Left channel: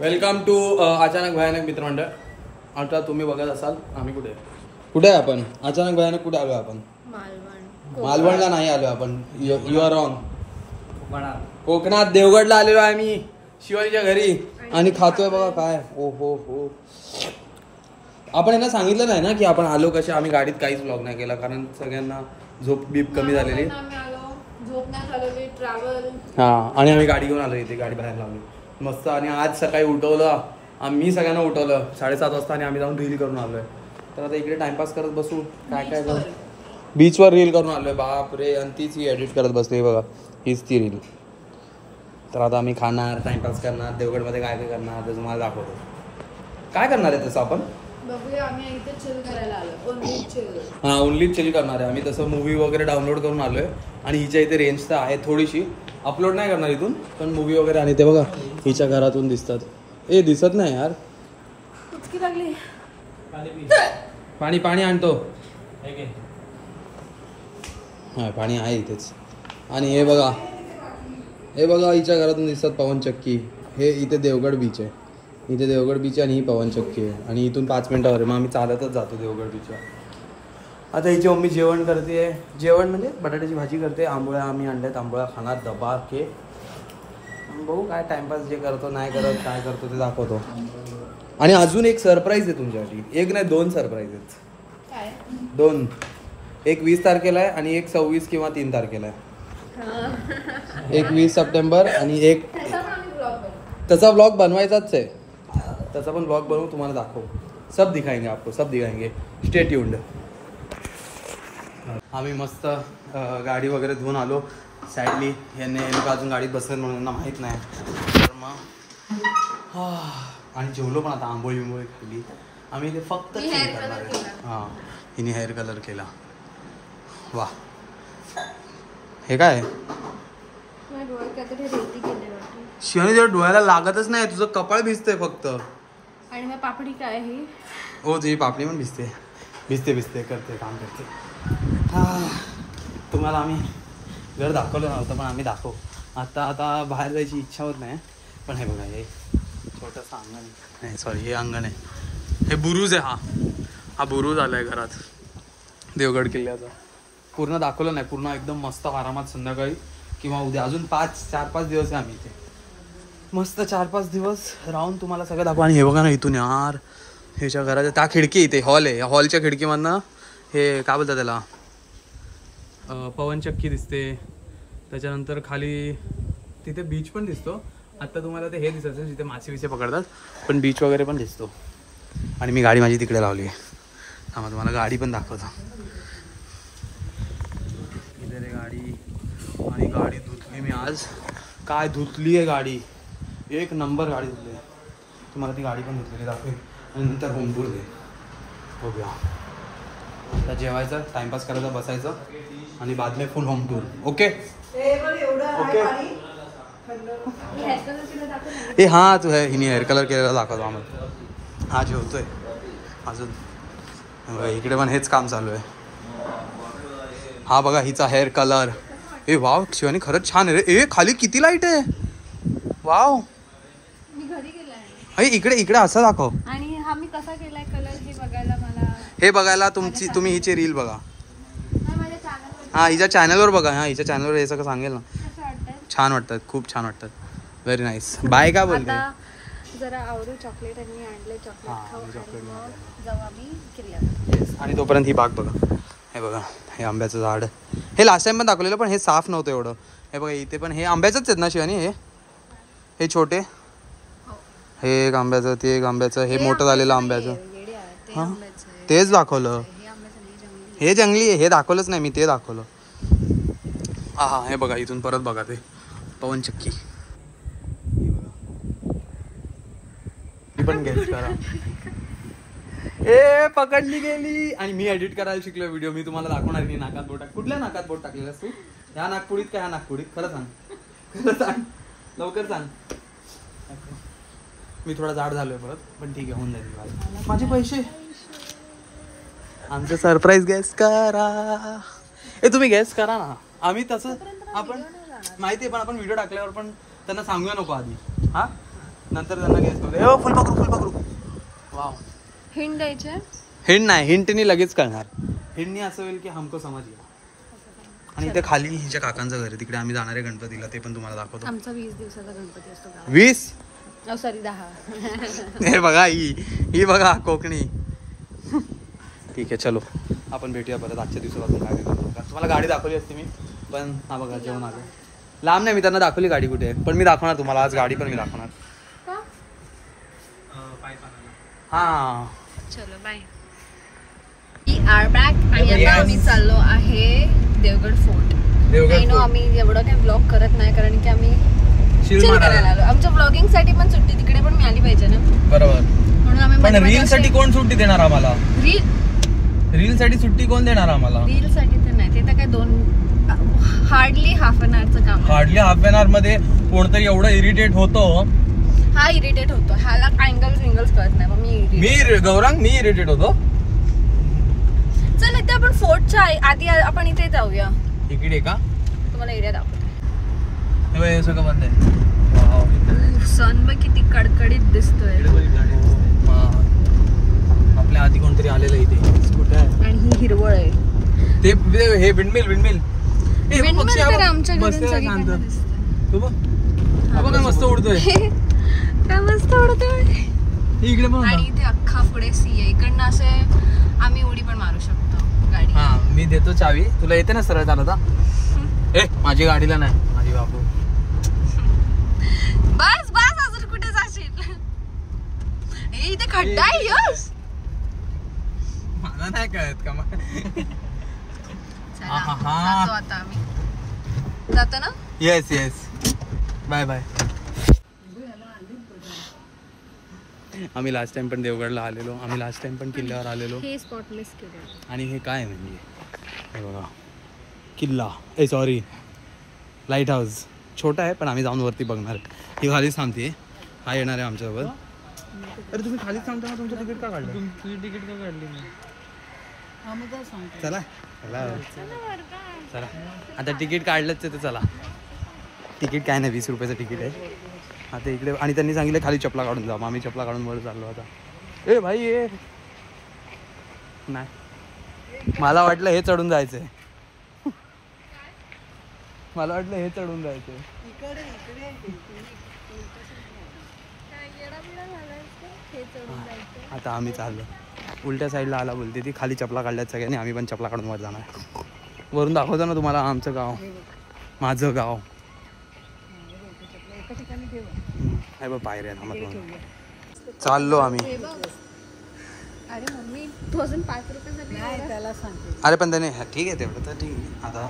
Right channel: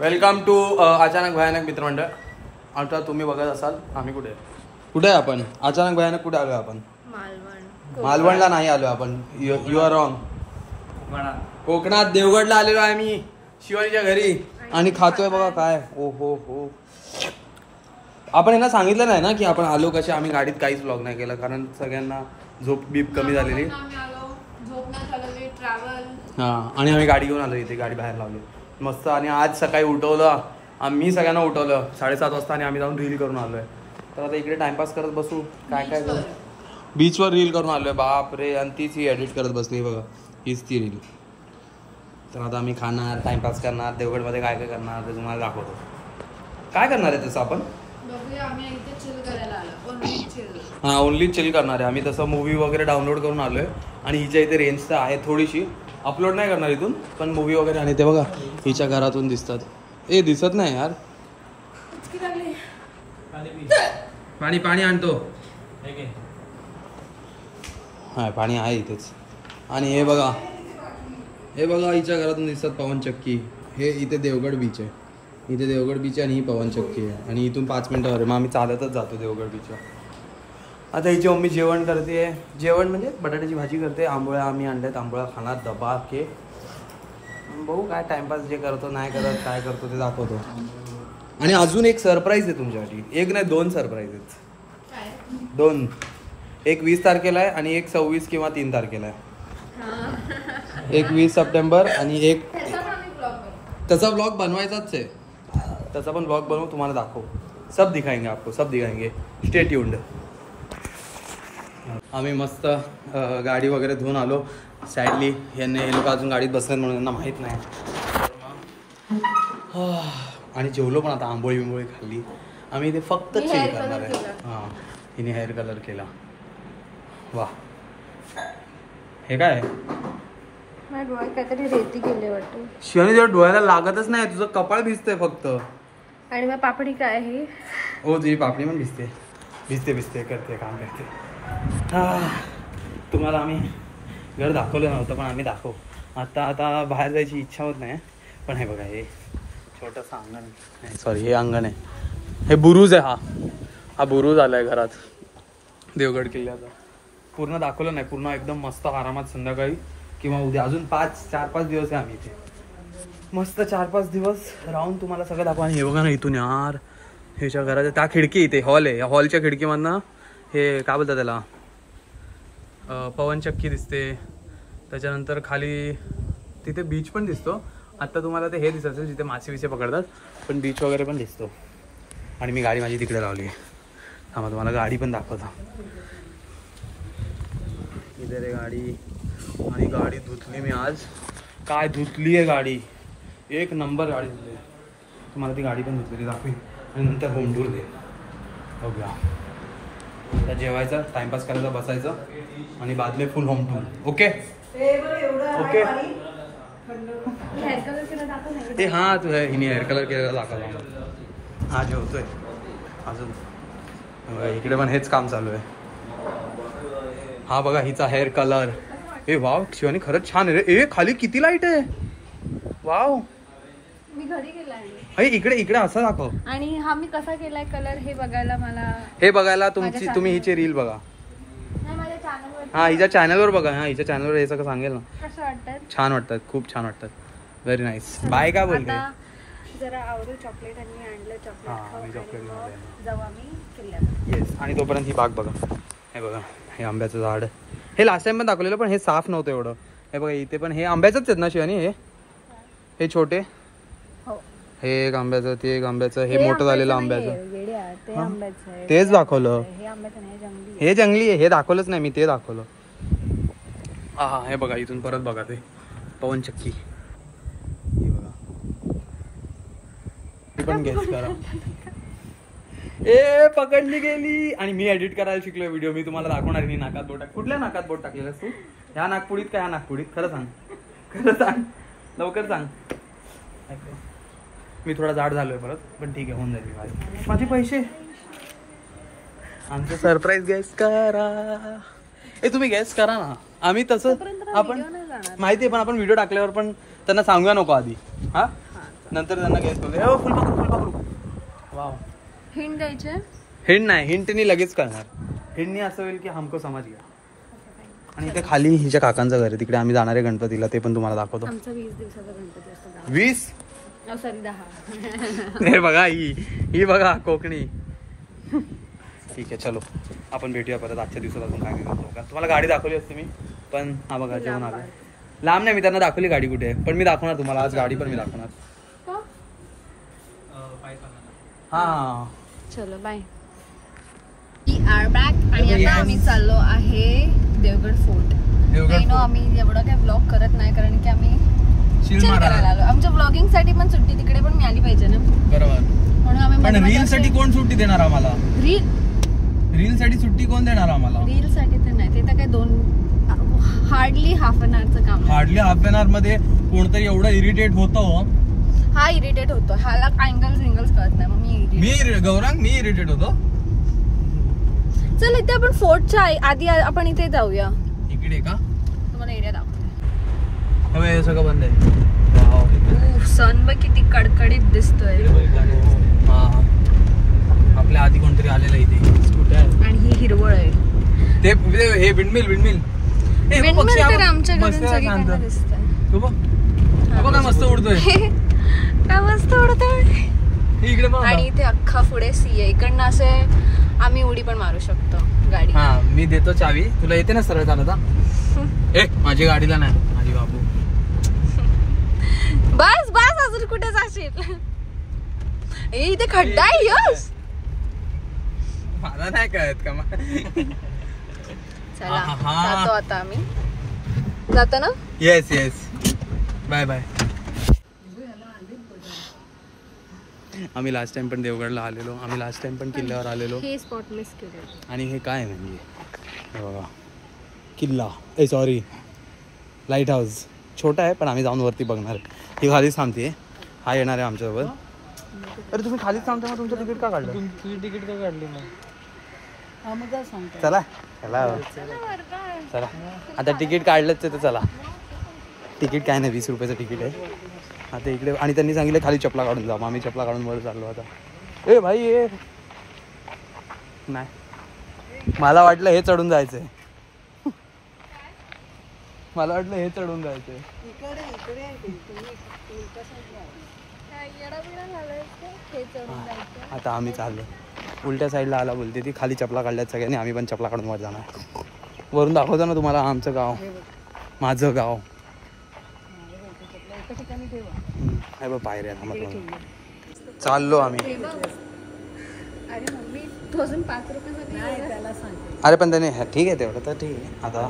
Welcome to अचानक भयानक मित्रमंडळ. आता तुम्ही बघत असाल आम्ही कुठे आहे आपण. अचानक भयानक कुठे आलो आपण. मालवणला नाही आलो आपण. You are wrong. कोकणात देवगडला आलेलो आहे मी शिवानीच्या घरी आणि खातोय बघा काय. ओ हो हो. आपण यांना सांगितलं नाही ना की आपण आलो कसे. आम्ही गाडीत काहीच व्लॉग नाही केला कारण सगळ्यांना झोप बीप कमी झालेली. हा आणि आम्ही गाडी घेऊन आलो इथे. गाडी बाहेर लावली मस्त. आणि आज सकाळी उठवलं आम्ही सगळ्यांना उठवलं 7:30 वाजता आणि आम्ही जाऊन रील करून आलोय. तर आता इकडे टाइमपास करत बसू. काय काय बीचवर रील करून आलोय. बाप रे. आणि तीच ही एडिट करत बसली बघा. हीच ती रील. तर आता आम्ही खाणार टाइमपास करणार देवगडमध्ये काय काय करणार ते तुम्हाला दाखवतो. काय करणार आहे तसं आपण. हा ओनली चिल करणार आहे आम्ही. तसं मूवी वगैरे डाउनलोड करून आलोय आणि हिच्या इथे रेंज तर आहे थोडीशी. अपलोड नाही करणार इथून पण मूवी वगैरे. आणि ते बघा हिच्या घरातून दिसतात. ए दिसत नाही यार. पाणी पाणी आणतो. हा पाणी आहे इथेच. आणि हे बघा हिच्या घरातून दिसतात पवनचक्की. हे इथे देवगड बीच आहे. इथे देवगड बीच आहे आणि ही पवनचक्की आहे. आणि इथून 5 मिनिटावर आहे. मग आम्ही चालतच जातो देवगड बीचवर. आता हिची मम्मी जेवण करते. जेवण म्हणजे बटाट्याची भाजी करते. आंबोळ्या आम्ही आणल्यात. आंबोळ्या खाणार दबा के. बघू काय टाइमपास जे करतो नाही करत काय करतो ते दाखवतो. आणि अजून एक सरप्राईज आहे तुमच्यासाठी. एक नाही 2 सरप्राईज आहेत. 2. एक 20 तारखेला आहे आणि एक 26 किंवा 3 तारखेला आहे. एक 20 सप्टेंबर आणि एक त्याचा ब्लॉग बनवायचाच आहे. त्याचा पण ब्लॉग बनवू तुम्हाला दाखवू. सब दिखाएंगे आपको सब दिखाएंगे. Stay tuned. आम्ही मस्त गाडी वगैरे धुवून आलो. सॅडली हे लोक अजून गाडीत बसतात म्हणून त्यांना माहीत नाही. आणि जेवलो पण आता. आंबोळी बिंबोळी खाल्ली. आम्ही इथे फक्त चिल करणार आहे. हां हिने हेअर कलर केला. वा हे काय शिवानी तुझ्या डोळ्याला लागतच नाही. तुझं कपाळ भिजतंय फक्त. आणि मग पापडी काय आहे. हो तुझी पापडी पण भिजते करते काम करते. तुम्हाला आम्ही घर दाखवलं नव्हतं पण आम्ही दाखवू. आता बाहेर जायची इच्छा होत नाही. पण हे बघा हे छोटंसं अंगण आहे. सॉरी हे अंगण आहे. हे बुरुज आहे. हा बुरुज आला आहे घरात देवगड किल्ल्याचा. पूर्ण दाखवलं नाही. पूर्ण एकदम मस्त आरामात संध्याकाळी किंवा उद्या अजून 4-5 दिवस आहे आम्ही इथे. मस्त 4-5 दिवस राहून तुम्हाला सगळं दाखवू. आणि हे बघा ना इथून यार ह्याच्या घराच्या त्या खिडकी इथे हॉल आहे. हॉलच्या खिडकीमधनं हे काय बोलतात त्याला पवनचक्की दिसते. त्याच्यानंतर खाली तिथे बीच पण दिसतो. आत्ता तुम्हाला ते हे दिसत असेल जिथे मासे विसे पकडतात पण बीच वगैरे पण दिसतो. आणि मी गाडी माझी तिकडे लावली आहे. थांबा तुम्हाला गाडी पण दाखवतो. इथे रे गाडी. आणि गाडी धुतली मी आज. काय धुतली आहे गाडी. एक नंबर गाडी धुतली आहे. तुम्हाला ती गाडी पण धुतलेली दाखवेल. आणि नंतर होम टूर दे बघूया. आता जेवायचं टाइमपास करायचा बसायचं आणि बाद में फुल होम टूर. Okay okay. हे हा तू आहे हिने हेअर कलर केलेला दाखवतो आम्ही. हा जेवतोय अजून. इकडे पण हेच काम चालू आहे. हा बघा हिचा हेअर कलर. ए वाव शिवानी खरंच छान आहे रे. ए खाली किती लाईट आहे. वाव. मी घरी गेलाय. इकडे असं दाखव. आणि हा मी कसा केलाय कलर हे बघायला मला. हे बघायला तुम्ही हिची रील बघा. हा हिच्या चॅनलवर बघा. हा हिच्या चॅनलवर हे सगळं सांगेल ना. कसं वाटतं. छान वाटतात. खूप छान वाटतात. Very nice. बाय का बोलते. जरा आवरू चॉकलेट आणि आणलं चॉकलेट. हा चॉकलेट जाऊ आम्ही किल्ल्यात. येस. आणि तोपर्यंत ही बाग बघा. हे बघा हे आंब्याचं झाड. हे लास्ट टाइम पण दाखवलेलं पण हे साफ नव्हतं एवढं. हे बघा इथे पण हे आंब्याचंच आहेत ना शिवानी. हे छोटे. हे एक आंब्याचं ते एक आंब्याचं. हे मोठं झालेलं आंब्याचं. तेच दाखवलं. हे जंगली आहे. हे दाखवलंच नाही मी. ते दाखवलं. हा हे बघा इथून परत बघा ते पवनचक्की. पण गेस करा. ए पकडली गेली. आणि मी एडिट करायला शिकलो व्हिडिओ. मी तुम्हाला दाखवणार की नाकात बोट. कुठल्या नाकात बोट टाकलेलंस तू. ह्या नागपुडीत का ह्या नागपुडीत. खरं सांग लवकर सांग. मी थोडा जाड झालोय परत पण ठीक आहे होऊन जाईल. माझे पैसे. आमचं सरप्राईज गॅस करा. तुम्ही गॅस करा ना. आम्ही तसं आपण माहिती आहे पण आपण व्हिडिओ टाकल्यावर पण त्यांना सांगूया नको आधी. हा नंतर त्यांना गेस करू. फुल पकडू. वाव. हिंट द्यायचे. हिंट नाही, हिंटनी लगेच कळणार. हिंटनी असं होईल की हमको समज गया. आणि इथे खाली हिच्या काकांचं घर आहे, तिकडे आम्ही जाणार आहे गणपतीला, ते पण तुम्हाला दाखवतो. आमचा 20 दिवसाचा गणपती असतो. 20? सॉरी 10. हे बघा ही बघा कोकणी. ठीक आहे चलो आपण भेटूया परत आजच्या दिवसात. अजून काय तुम्हाला गाडी दाखवली असते मी, पण हा बघा जेवण आलं. लांब नाही, मी त्यांना दाखवली गाडी कुठे आहे, पण मी दाखवणार तुम्हाला आज गाडी पण मी दाखवणार. हा चलो बाय. आणि आता आम्ही चाललो आहे देवगड फोर्ट. आम्ही एवढं काही ब्लॉग करत नाही कारण की आम्ही चिल करायला आलो. आमच्या ब्लॉगिंग साठी पण सुट्टी तिकडे पण मिळाली पाहिजे ना. बरोबर. म्हणून आम्ही रील साठी कोण सुट्टी देणार आम्हाला? रील साठी सुट्टी कोण देणार आम्हाला? रील साठी तर नाही, ते तर काय हार्डली हाफ एन आवरचं काम. हार्डली हाफ एन आवर मध्ये कोणतरी एवढं इरिटेट होतो. हा इरिटेट होतो, ह्याला अँगल्स कळत नाही. मग मी इरिटेट होतो. चल इथे आपण फोर्टच्या आधी आपण इथे जाऊया. इकडे का? तुम्हाला एरिया दाखवते. हे सगळं बंद आहे. सन बघ किती कडकडीत दिसतोय. आपल्या आधी कोणतरी आलेलं इथे. आणि ही हिरवळ आहे. ते हे विंडमिल तर आमच्या घरून सगळीकडे दिसतंय. तू बघ मस्त उडतोय. काय मस्त उडतोय. आणि इथे अख्खा पुढे सी आहे. इकडनं असे आम्ही उडी पण मारू शकतो गाडी. हा मी देतो चावी, तुला येते ना सरळ चालता? माझी गाडीला नाही, माझी बाबू. बस अजून कुठे जाशील? इथे खड्डा आहे. यस मला नाही कळत का? चला जातो आता आम्ही. जातो ना? Yes bye. आम्ही लास्ट टाइम पण देवगडला आलेलो, आम्ही लास्ट टाइम पण किल्ल्यावर आलेलो. हे स्पॉट मिस केले. आणि हे काय म्हणजे हे बघा किल्ला, सॉरी लाईट हाऊस. छोटा आहे पण आम्ही जाऊन वरती बघणार आहे. ही खालीच थांबते, हा येणार आहे आमच्यासोबत. अरे तुम्ही खालीच थांबता, मग तुमचं तिकीट का काढलं? तुझी तिकीट का काढली मग? चला आता तिकीट काढलंच तर चला. तिकीट काय नाही, 20 रुपयाचं तिकीट आहे. आता इकडे आणि त्यांनी सांगितलं खाली चपला काढून जा. मग आम्ही चपला काढून वर चाललो आता. भाई नाही, मला वाटलं हे चढून जायचंय. आता आम्ही चाललो उलट्या साईडला आला बोलते ती. खाली चपला काढल्यात सगळ्यांनी, आम्ही पण चपला काढून वर जाणार. वरून दाखवतो ना तुम्हाला आमचं गाव, माझं गाव. आहे बघ पायऱ्या. चाललो आम्ही. अरे पण त्याने ठीक आहे तेवढं तर ठीक आहे. आता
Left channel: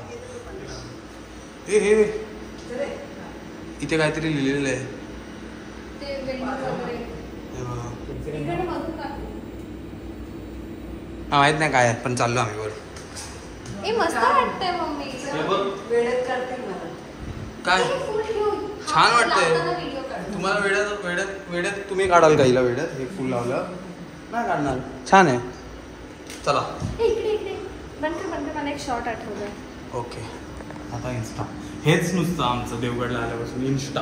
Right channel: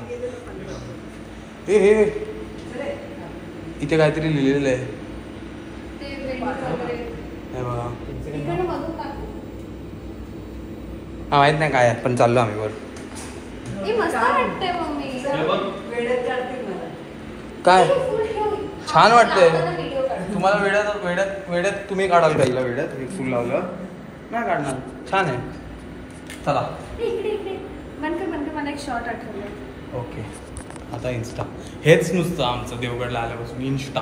हे इथे काहीतरी लिहिलेलं आहे बघा. हा माहित नाही काय, पण चाललो आम्ही वर. काय छान वाटतंय. तुम्हाला वेड्यात तुम्ही काढाल का? वेड्यात हे फुल लावलं नाही काढणार. छान आहे. चला मला एक शॉट आठवलं. ओके आता इन्स्टा हेच नुसतं आमचं देवगडला आल्यापासून इन्स्टा.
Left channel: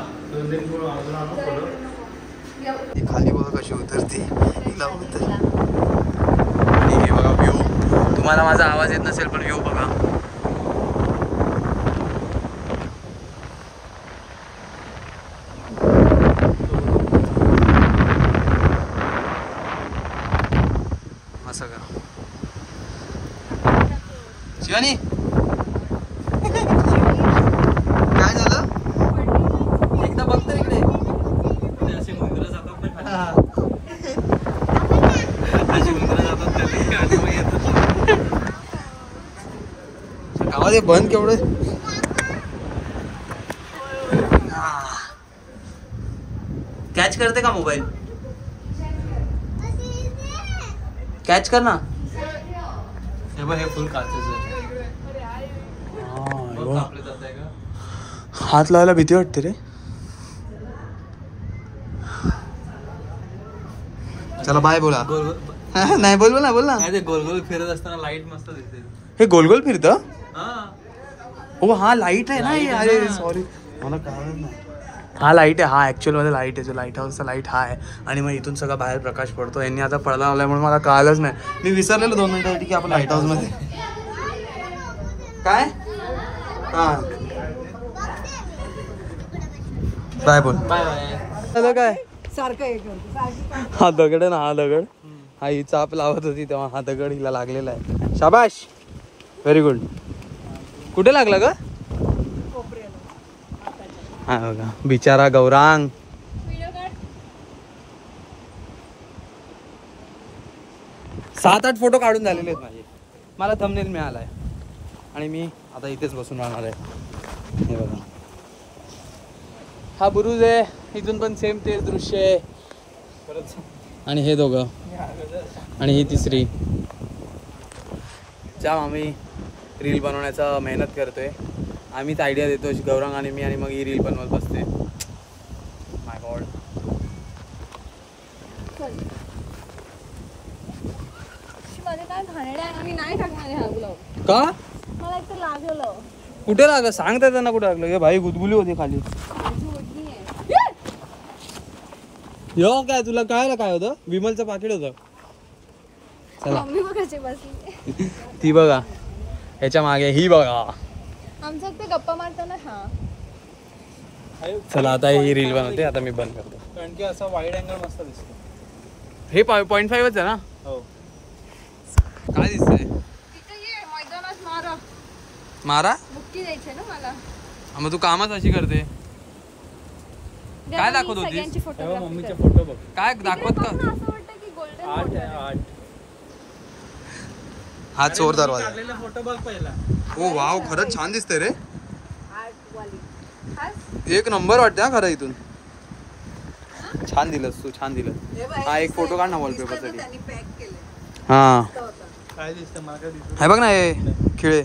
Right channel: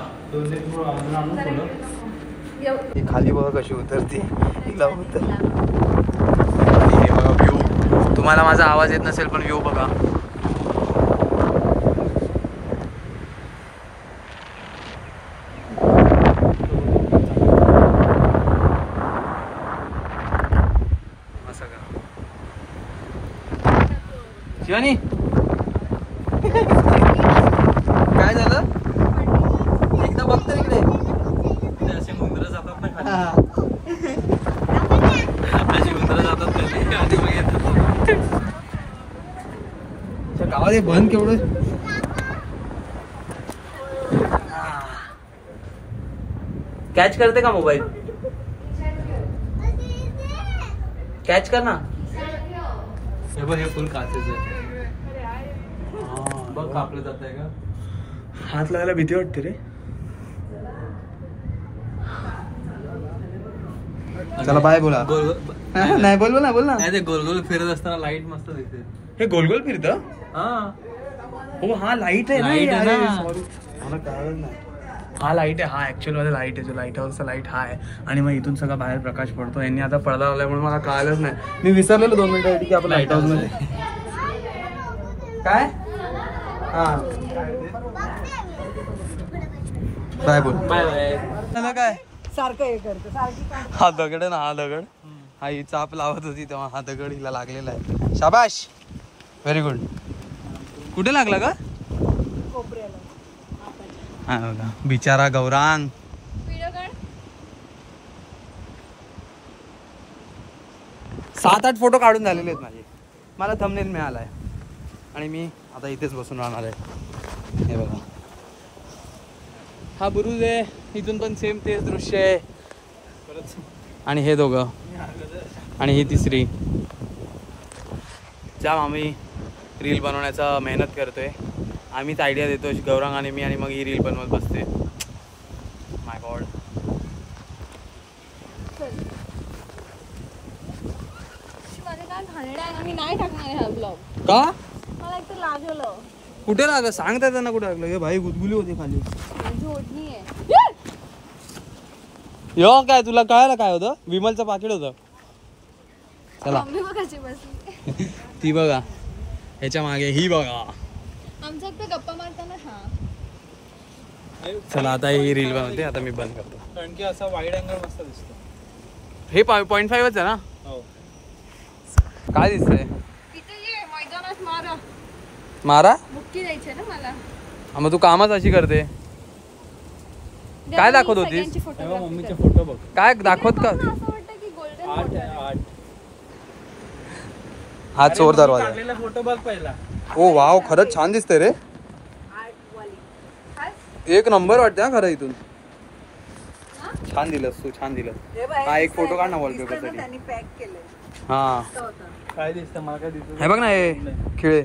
खाली बघा कशी उतरते. आणि हे बघा व्ह्यू. तुम्हाला माझा आवाज येत नसेल पण व्ह्यू बघा. असं का शिवानी? काय झालं? एकदा बघतो इकडे. असे उंदरं जातात ना, अशी उंदरं जातात खाली आणि मग येतात. गावात बंद केवढं. कॅच करते का मोबाईल? कॅच कर ना. हे बघ हे फुल काचेचं बघ कापले जात आहे का? हात लावायला भीती वाटते रे. चला बाय बोला. नाही बोल ना ते गोल गोल फिरत असताना लाईट मस्त दिसते. हे गोल गोल फिरतं? हो हा लाईट आहे ना. अरे सॉरी मला कळलं नाही. हा लाईट आहे, हा ऍक्च्युअल मध्ये लाईट आहे, जो लाईट हाऊसचा लाईट हा आहे. आणि मग इथून सगळा बाहेर प्रकाश पडतो. यांनी आता पडदा लावल्यामुळे मला कळालंच नाही, मी विसरलेलो 2 मिनिटासाठी की आपण लाईट हाऊस मध्ये काय. हा बाय बोल. Bye bye. काय सारखं हे करतो. हा दगड आहे ना, हा दगड, हा ही चाप लावत होती तेव्हा हा दगड हिला लागलेला आहे. शाबाश, व्हेरी गुड. कुठे लागलं ग? हा बघा बिचारा गौरांग. 7-8 फोटो काढून झालेले आहेत माझे. मला थंबनेल मिळालाय आणि मी आता इथेच बसून राहणार आहे. हे बघा हा बुरुज आहे, इथून पण सेम तेच दृश्य आहे. आणि हे दोघं आणि ही तिसरी. जाम आम्ही रील बनवण्याचा मेहनत करतोय. आम्हीच आयडिया देतो गौरांग आणि मी, आणि मग ही रील बनवत बसते. माय गॉड. मध्ये काय घाणेरडा आहे, मी नाही टाकणार हा ब्लॉग. का? मला एक तर लागलं. कुठे लागलं सांगता त्यांना कुठे लागलं. हे भाई गुदगुली होती खाली. माझी ओढणी आहे. यो काय तुला कळायला काय होतं? विमलचं पाकिट होतं. चला मम्मी बघ कशी बसली. ती बघा, ह्याच्या मागे ही बघा. आमच्या ते गप्पा मारताना. हा चला आता ही रील बनवते. आता मी बंद करतो कारण की असा वाईड अँगल मस्त दिसतो. हे 0.5च आहे ना. हो. काय दिसतंय? तिथे ये मैदानात मारा. मारा मुक्की द्यायची ना मला. मग तू कामच अशी करते. काय दाखवत होतीस? सगळ्यांची तेव्हा फोटोग्राफी मम्मीचे करते. फोटो बघ. काय दाखवत का? असं वाटतं की गोल्डन 8 आहे 8. हा चोर दरवाजा आहे. टाकलेला फोटो बघ पहिला. ओ वाव, खरंच छान दिसतंय रे. एक नंबर वाटते हा खरं. इथून छान दिलंस तू, छान दिलं. हा एक फोटो काढ ना वॉलपेपर साठी. हा काय दिसतं मला काय दिसत. हे बघ ना, हे खिळे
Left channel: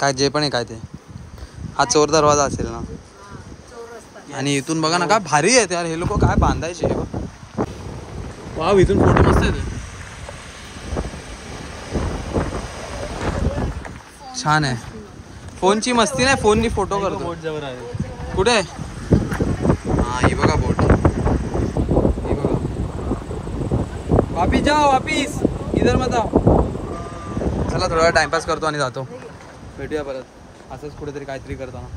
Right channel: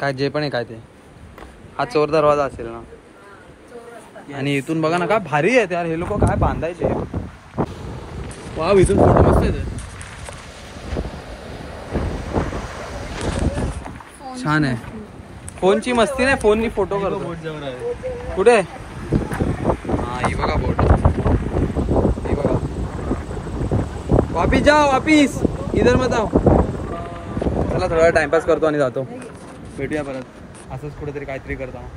काय जे पण आहे काय ते. हा चोर दरवाजा असेल ना. आणि इथून बघा ना काय भारी आहे यार. हे लोक काय बांधायचे. वाव, इथून फोटो मस्त येते. छान आहे. फोनची मस्ती नाही, फोननी फोटो करतो. बोट जवळ आहे. कुठे? हा ही बघा बोट. ही बघा. वापिस जाओ, वापिस इधर मत आओ. चला थोडा टाइमपास करतो आणि जातो. भेटूया परत असंच कुठेतरी काहीतरी करतो.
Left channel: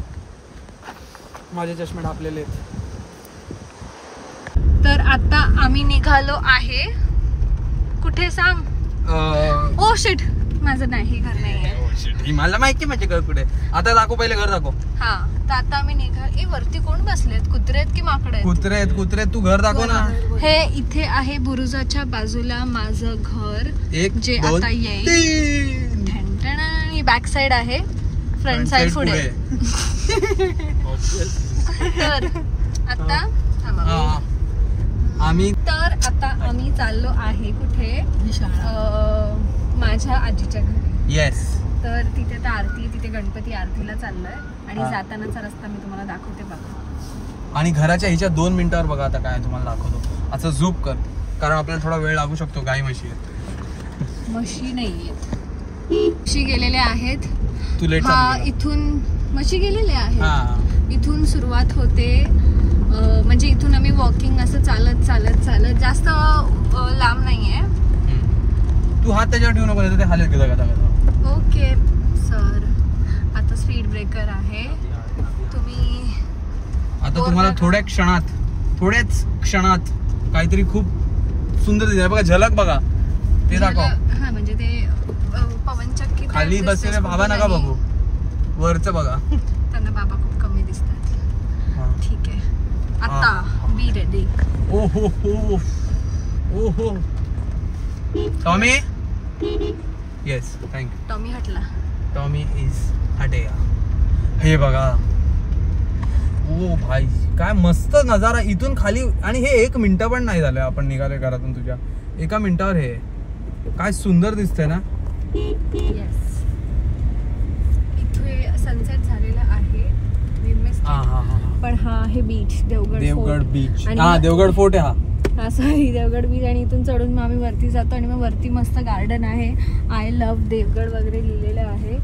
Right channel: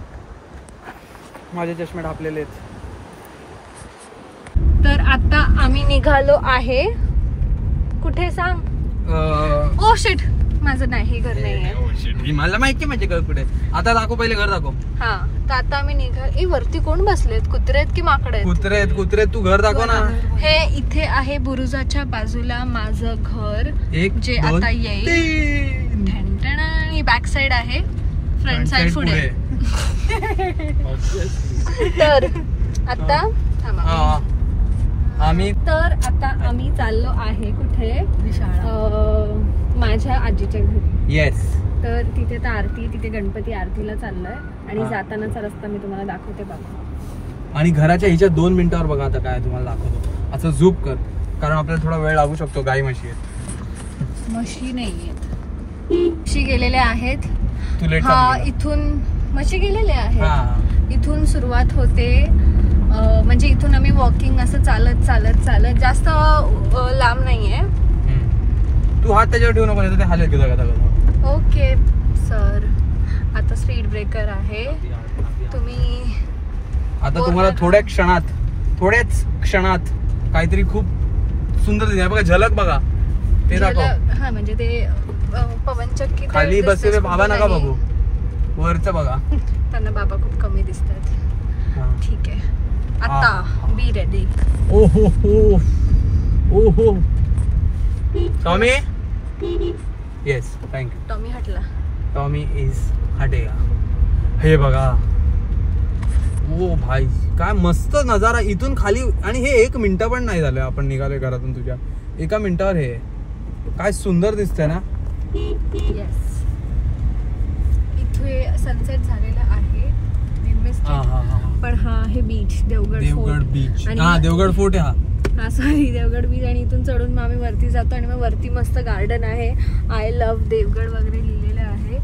माझे चष्मे ढापलेले आहेत. तर आता आम्ही निघालो आहे. कुठे सांग? ओ शिट, माझं नाही घर नाहीये. मला माहिती म्हणजे घर कुठे. आता दाखव, पहिले घर दाखव. हा तर आता आम्ही निघाल. वरती कोण बसलेत? कुत्रे आहेत की माकडे आहेत? कुत्रे आहेत, कुत्रे. तू घर दाखव ना. हे इथे आहे बुरुजाच्या बाजूला माझं घर. एक जे दोन, आता येईल. तीन. ठणठणा. ही बॅक साइड आहे, फ्रंट साइड पुढे. तर आता आम्ही चाललो आहे कुठे? माझ्या आजीच्या घरी. येस. तर तिथे तर आरती, तिथे गणपती आरतीला चाललोय. आणि जातानाचा रस्ता मी तुम्हाला दाखवते बघा. आणि घराच्या हिच्या 2 मिनिटावर बघा आता काय तुम्हाला दाखवतो. असं झूप कर, कारण आपल्याला थोडा वेळ लागू शकतो. गाई म्हशी आहेत. म्हशी नाहीयेत, म्हशी गेलेल्या आहेत. तुला हा इथून म्हशी गेलेल्या आहेत. हा इथून सुरुवात होते. म्हणजे इथून आम्ही वॉकिंग असं चालत चालत चालत, जास्त लांब नाहीये. तू हात त्याच्यावर ठेवू नको, नाही ते हालत गेला. Okay sir. आता स्पीड ब्रेकर आहे. तुम्ही आता तुम्हाला थोड्याच क्षणात काहीतरी खूप सुंदर दिसतंय बघा. झलक बघा, ते दाखव. हा म्हणजे ते पवनचक्की खाली बसलेले बाबा नका बघू, वरचं बघा. त्यांना बाबा खूप कमी दिसतात. ठीक आहे, आता बी रेडी. ओहो हो, ओहो टॉमी. Yes thank you. टॉमी हटला. टॉमी इज हटे. हे बघा. ओ भाई, काय मस्त नजारा इथून खाली. आणि हे 1 मिनिट पण नाही झालं आपण निघालोय घरातून. तुझ्या 1 मिनिटावर हे काय सुंदर दिसतंय ना. येस, इथे सनसेट झालेला आहे. पण हा हे बीच, देवगड बीच. हा देवगड फोर्ट आहे हा सॉरी देवगड बीच. आणि इथून चढून मग आम्ही वरती जातो. आणि मग वरती मस्त गार्डन आहे. आय लव्ह देवगड वगैरे लिहिलेलं आहे.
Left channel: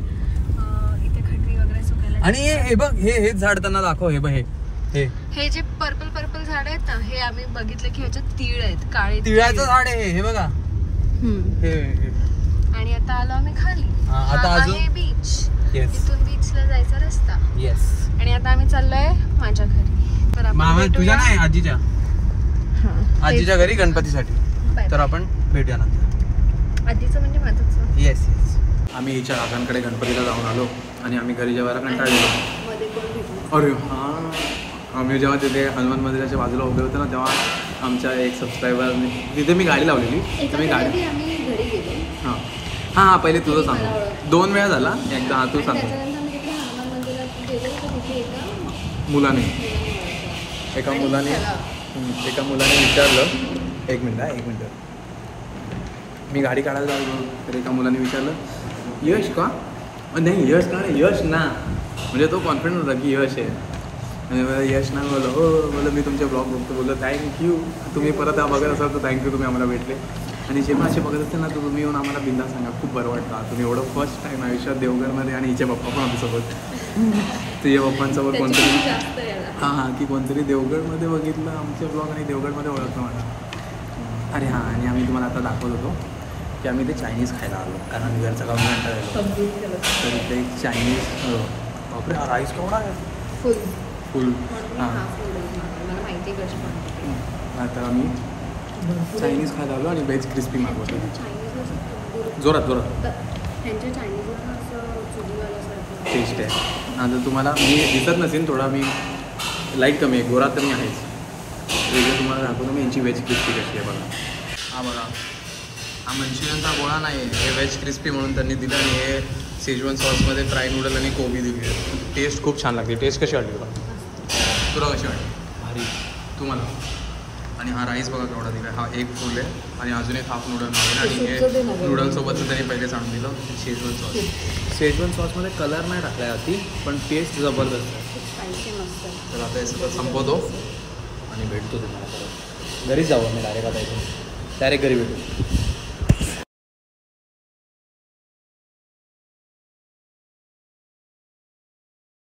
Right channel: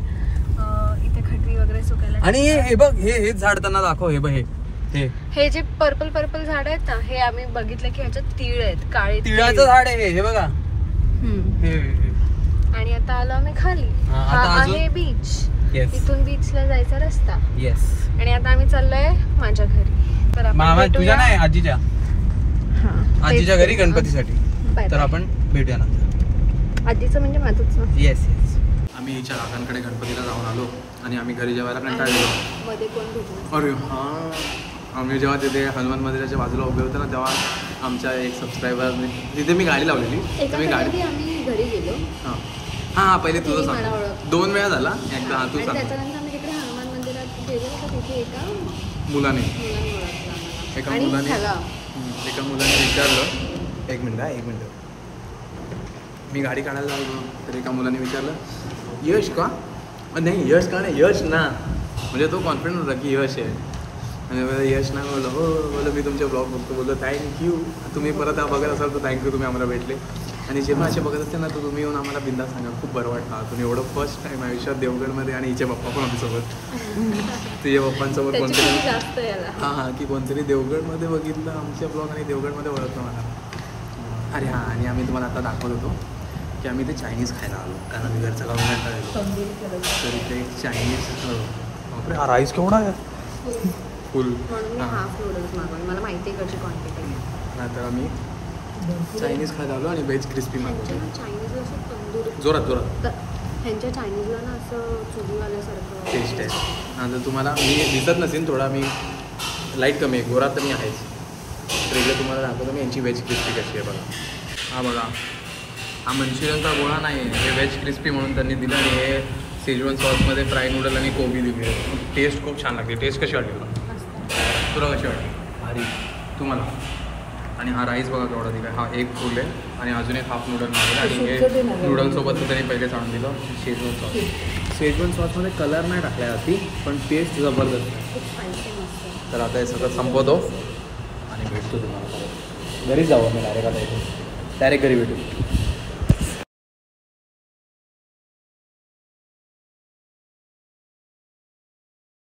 इथे खटरी वगैरे सुकायला. आणि हे बघ, हेच झाड त्यांना दाखव. हे बघ, हे जे पर्पल पर्पल झाड आहेत ना हे आम्ही बघितलं की ह्याच्यात तीळ आहेत, काळे तिळाचं झाड आहे हे बघा. हे आणि आता आलो आम्ही खाली. आता हा अजून- आहे बीच. येस इथून बीचला जायचा रस्ता. येस. आणि आता आम्ही चाललोय माझ्या घरी. तर आपण मामा तुझ्या भेटूया. नाही आजीच्या घरी गणपतीसाठी. तर आपण भेटूया नंतर. आजीचं म्हणजे माझंच ना. Yes yes. आम्ही हिच्या काकांकडे गणपतीला जाऊन आलो आणि आम्ही घरी जेवायला कंटाळलेलो. मध्ये कोण भेटलं? अरे हां, आम्ही जेव्हा तिथे हनुमान मंदिराच्या बाजूला उभे होते ना तेव्हा आमच्या एक सबस्क्रायबरने तिथे मी गाडी लावलेली तर मी गाडी एका आम्ही घरी गेलो. हां हां पहिले तुझं मला सांग. ओळख. 2 वेळा झाला एकदा. हां तू आणि सांग. त्याच्यानंतर आम्ही तिकडे हनुमान मंदिरात गेलो तर तिथे एका मुलाने मुलाने ओळखलं. एका आणि मुलाने चला. एका मुलाने विचारलं. एक मिनटं. मी गाडी काढायला लागलो तर एका मुलाने विचारलं यश का? नाही यश का नाही यश ना. म्हणजे तो कॉन्फिडंट होता की यश आहे. आणि मला यश ना बोललो हो बोललो मी तुमचे ब्लॉग बघतो. बोललो थँक्यू. तुम्ही परत बघत असाल तर थँक्यू तुम्ही आम्हाला भेटले. आणि जेव्हा असे बघत असतील ना तर तुम्ही येऊन आम्हाला बिंदास सांगा. खूप बरं वाटतं. तुम्ही एवढं फर्स्ट टाईम आयुष्यात देवगडमध्ये आणि हिचे पप्पा पण आमच्यासोबत तुझ्या पप्पांसोबत त्याच्यापेक्षा कोणतरी जास्त याला. हां की कोणतरी देवगडमध्ये बघितलं आमच्या ब्लॉग आणि देवगडमध्ये ओळखलं मला. अरे हां आणि आम्ही तुम्हाला आता दाखवत होतो की आम्ही ते चायनीज खायला आलो कारण आम्ही घरचा खाऊन कंटाळलो. तर इथे एक चायनीज बापरे हा राईस केवढा आहे फुल. हां मला माहिती आहे कशी बनवते. तर आम्ही चायनीज खायला आलो आणि व्हेज क्रिस्पी मागवतो. चायनीजला असं तंदूर जोरात ह्यांच्या चायनीजला ना असं चुलीवाल्यासारखं टेस्ट आहे. हां तर तुम्हाला मी दिसत नसेल थोडा मी लाईट कमी आहे गोरा तर मी आहेच. तर एकदा तुम्हाला दाखवतो मी यांची व्हेज क्रिस्पी कशी आहे बघा. हा बघा हा मंचुरियनचा गोळा नाही हे व्हेज क्रिस्पी म्हणून त्यांनी दिलं आणि हे शेजवान सॉसमध्ये फ्राय नूडल आणि कोबी दिली आहे. टेस्ट खूप छान लागते. टेस्ट कशी वाटली तुला? तुला कशी वाटली? भारी. तुम्हाला? आणि हा राईस बघा केवढा दिला. हा एक फुल आहे आणि अजून एक हाफ नूडल मागवला आणि हे नूडलसोबत त्यांनी पहिलेच आणून दिलं शेजवान सॉस. शेजवान सॉसमध्ये कलर नाही टाकला आहे अति पण टेस्ट जबरदस्त आहे. स्पायसी मस्त. तर आता हे सगळं संपवतो आणि भेटतो तुम्हाला परत. घरी जाऊ आम्ही डायरेक्ट आता इथून डायरेक्ट घरी भेटू.